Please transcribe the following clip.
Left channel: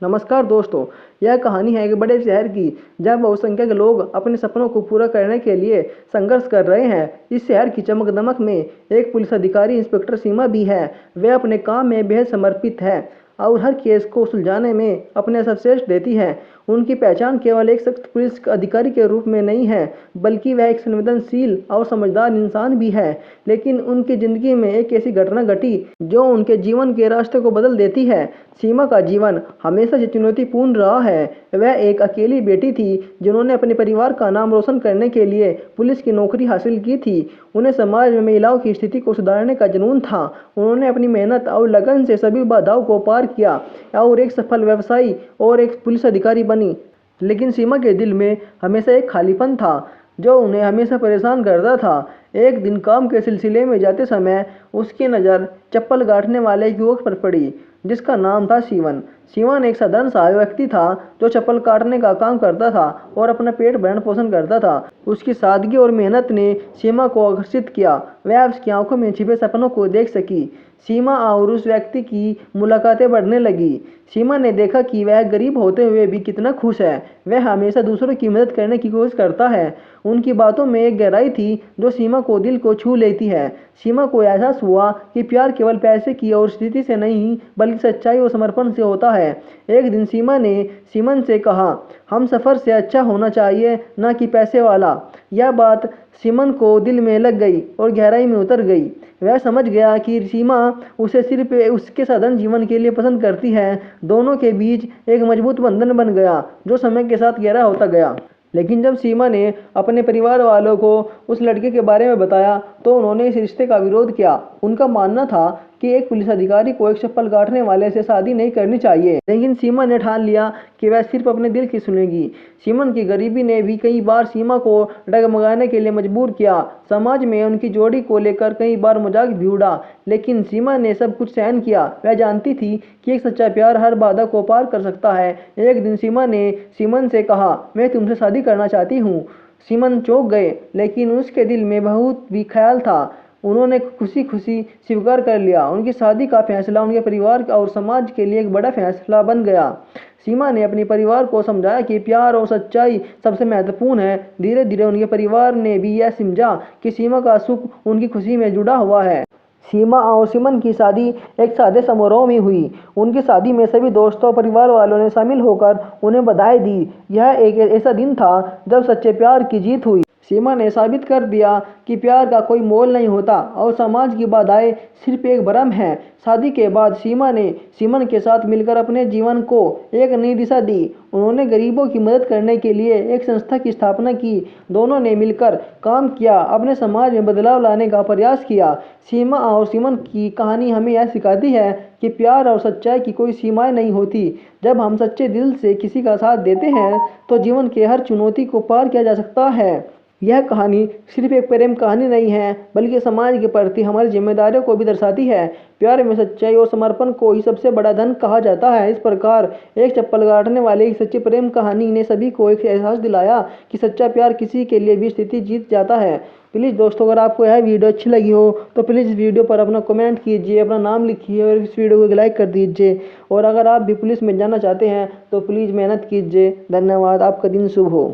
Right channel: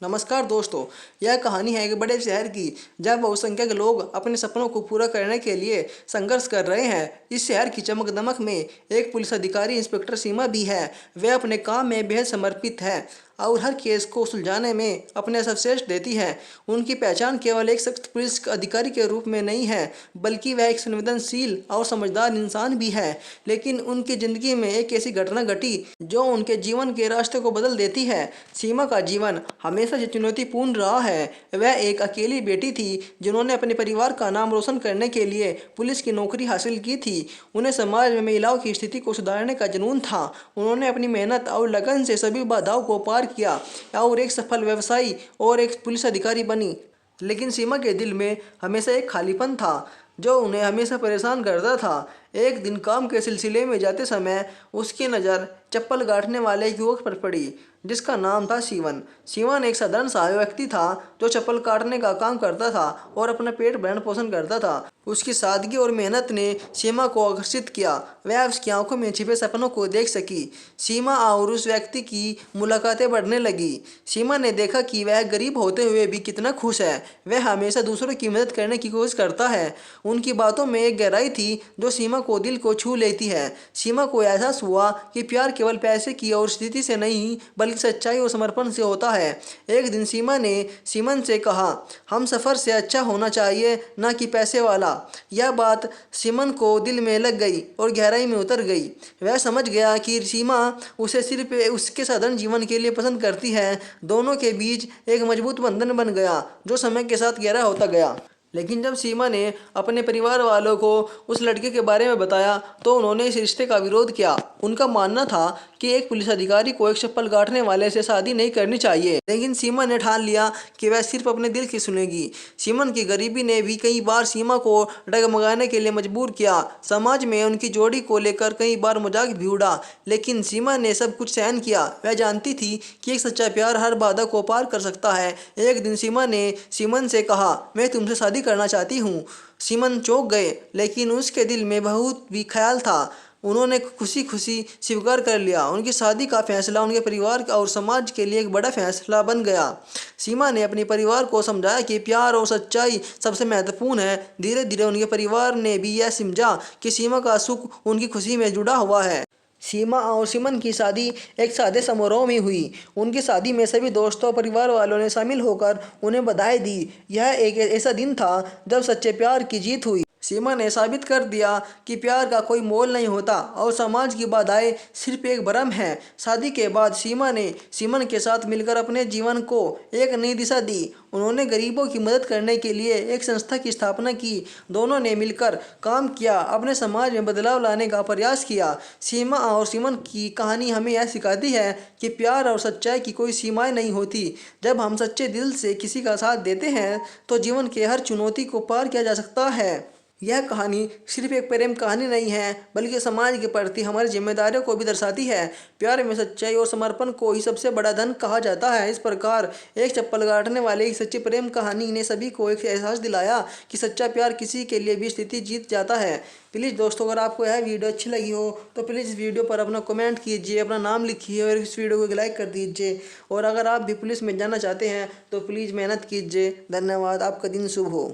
नमस्कार दोस्तों। यह कहानी है एक बड़े शहर की, जहाँ बहुसंख्यक लोग अपने सपनों को पूरा करने के लिए संघर्ष कर रहे हैं। इस शहर की चमक दमक में एक पुलिस अधिकारी इंस्पेक्टर सीमा भी है। वह अपने काम में बेहद समर्पित है और हर केस को सुलझाने में अपने सर्वश्रेष्ठ देती है। उनकी पहचान केवल एक सख्त पुलिस अधिकारी के रूप में नहीं है, बल्कि वह एक संवेदनशील और समझदार इंसान भी है। लेकिन उनकी ज़िंदगी में एक ऐसी घटना घटी जो उनके जीवन के रास्ते को बदल देती है। सीमा का जीवन हमेशा चुनौतीपूर्ण रहा है। वह एक अकेली बेटी थी जिन्होंने अपने परिवार का नाम रोशन करने के लिए पुलिस की नौकरी हासिल की थी। उन्हें समाज में महिलाओं की स्थिति को सुधारने का जुनून था। उन्होंने अपनी मेहनत और लगन से सभी बाधाओं को पार किया और एक सफल व्यवसायी और एक पुलिस अधिकारी बनी। लेकिन सीमा के दिल में हमेशा एक खालीपन था जो उन्हें हमेशा परेशान करता था। एक दिन काम के सिलसिले में जाते समय उसकी नज़र चप्पल गांठने वाले एक युवक पर पड़ी जिसका नाम था सीवन। सीवन एक साधारण सा व्यक्ति था जो चप्पल काटने का काम करता था और अपना पेट भरण पोषण करता था। उसकी सादगी और मेहनत ने सीमा को आकर्षित किया। वह उसकी आंखों में छिपे सपनों को देख सकी। सीमा और उस व्यक्ति की मुलाकातें बढ़ने लगी। सीमा ने देखा कि वह गरीब होते हुए भी कितना खुश है। वह हमेशा दूसरों की मदद करने की कोशिश करता है। उनकी बातों में एक गहराई थी जो सीमा को दिल को छू लेती है। सीमा को एहसास हुआ कि प्यार केवल पैसे की और स्थिति से नहीं, बल्कि सच्चाई और समर्पण से होता है। एक दिन सीमा ने सीमन से कहा, हम सफ़र से अच्छा होना चाहिए, ना कि पैसे वाला। यह बात सीमन को दिल में लग गई और गहराई में उतर गई। वह समझ गया कि सीमा उसे सिर्फ उसके साधारण जीवन के लिए पसंद करती है। दोनों के बीच एक मजबूत बंधन बन गया जो समय के साथ गहरा होता गया। लेकिन जब सीमा ने अपने परिवार वालों को उस लड़के के बारे में बताया तो उन्होंने इस रिश्ते का विरोध किया। उनका मानना था कि एक पुलिस अधिकारी को एक चप्पल काटने वाले से शादी नहीं करनी चाहिए। लेकिन सीमा ने ठान लिया कि वह सिर्फ अपने दिल की सुनेगी। सीमन की गरीबी ने भी कई बार सीमा को डगमगाने के लिए मजबूर किया। समाज में उनकी जोड़ी को लेकर कई बार मजाक भी उड़ा, लेकिन सीमा ने सब कुछ सहन किया। वह जानती थी कि एक सच्चा प्यार हर बाधा को पार कर सकता है। एक दिन सीमा ने सीमन से कहा, मैं तुमसे शादी करना चाहती हूँ। सीमन चौंक गए, लेकिन उसके दिल में बहुत भी ख्याल था। उन्होंने खुशी खुशी स्वीकार कर लिया। उनकी शादी का फैसला उनके परिवार और समाज के लिए एक बड़ा फैसला बन गया। सीमा ने अपने परिवार को समझाया कि प्यार और सच्चाई सबसे महत्वपूर्ण है। धीरे धीरे उनके परिवार ने भी यह समझा कि सीमा का सुख उनकी खुशी में जुड़ा हुआ है। सीमा और सीमन की शादी एक सादे समारोह में हुई। उनकी शादी में सभी दोस्तों और परिवार वालों ने शामिल होकर उन्हें बधाई दी। यह एक ऐसा दिन था जब सच्चे प्यार की जीत हुई। सीमा ने साबित कर दिया कि प्यार का कोई मोल नहीं होता और समाज की बाधाएं सिर्फ एक भ्रम है। शादी के बाद सीमा ने सीमन के साथ मिलकर अपने जीवन को एक नई दिशा दी। उन्होंने गरीबों की मदद करने के लिए एक संस्था की स्थापना की। दोनों ने मिलकर काम किया, अपने समाज में बदलाव लाने का प्रयास किया। सीमा और सीमन की कहानी हमें यह सिखाती है कि प्यार और सच्चाई की कोई सीमाएं नहीं होती। जब हम सच्चे दिल से किसी का साथ देते हैं तो जीवन के हर चुनौती को पार किया जा सकता है। यह कहानी सिर्फ एक प्रेम कहानी नहीं है, बल्कि समाज के प्रति हमारी जिम्मेदारियों को भी दर्शाती है। प्यार में सच्चाई और समर्पण को ही सबसे बड़ा धन कहा जाता है। इस प्रकार एक चप्पल काटने वाले एक सच्ची प्रेम कहानी ने सभी को एक एहसास दिलाया कि सच्चा प्यार किसी के लिए भी स्थिति जीत जाता है। प्लीज़ दोस्तों, अगर आपको यह वीडियो अच्छी लगी हो तो प्लीज़ इस वीडियो पर अपना कमेंट कीजिए, अपना नाम लिखिए और इस वीडियो को लाइक कर दीजिए। और अगर आप भी पुलिस में जाना चाहते हैं तो प्लीज़ मेहनत कीजिए। धन्यवाद। आपका दिन शुभ हो।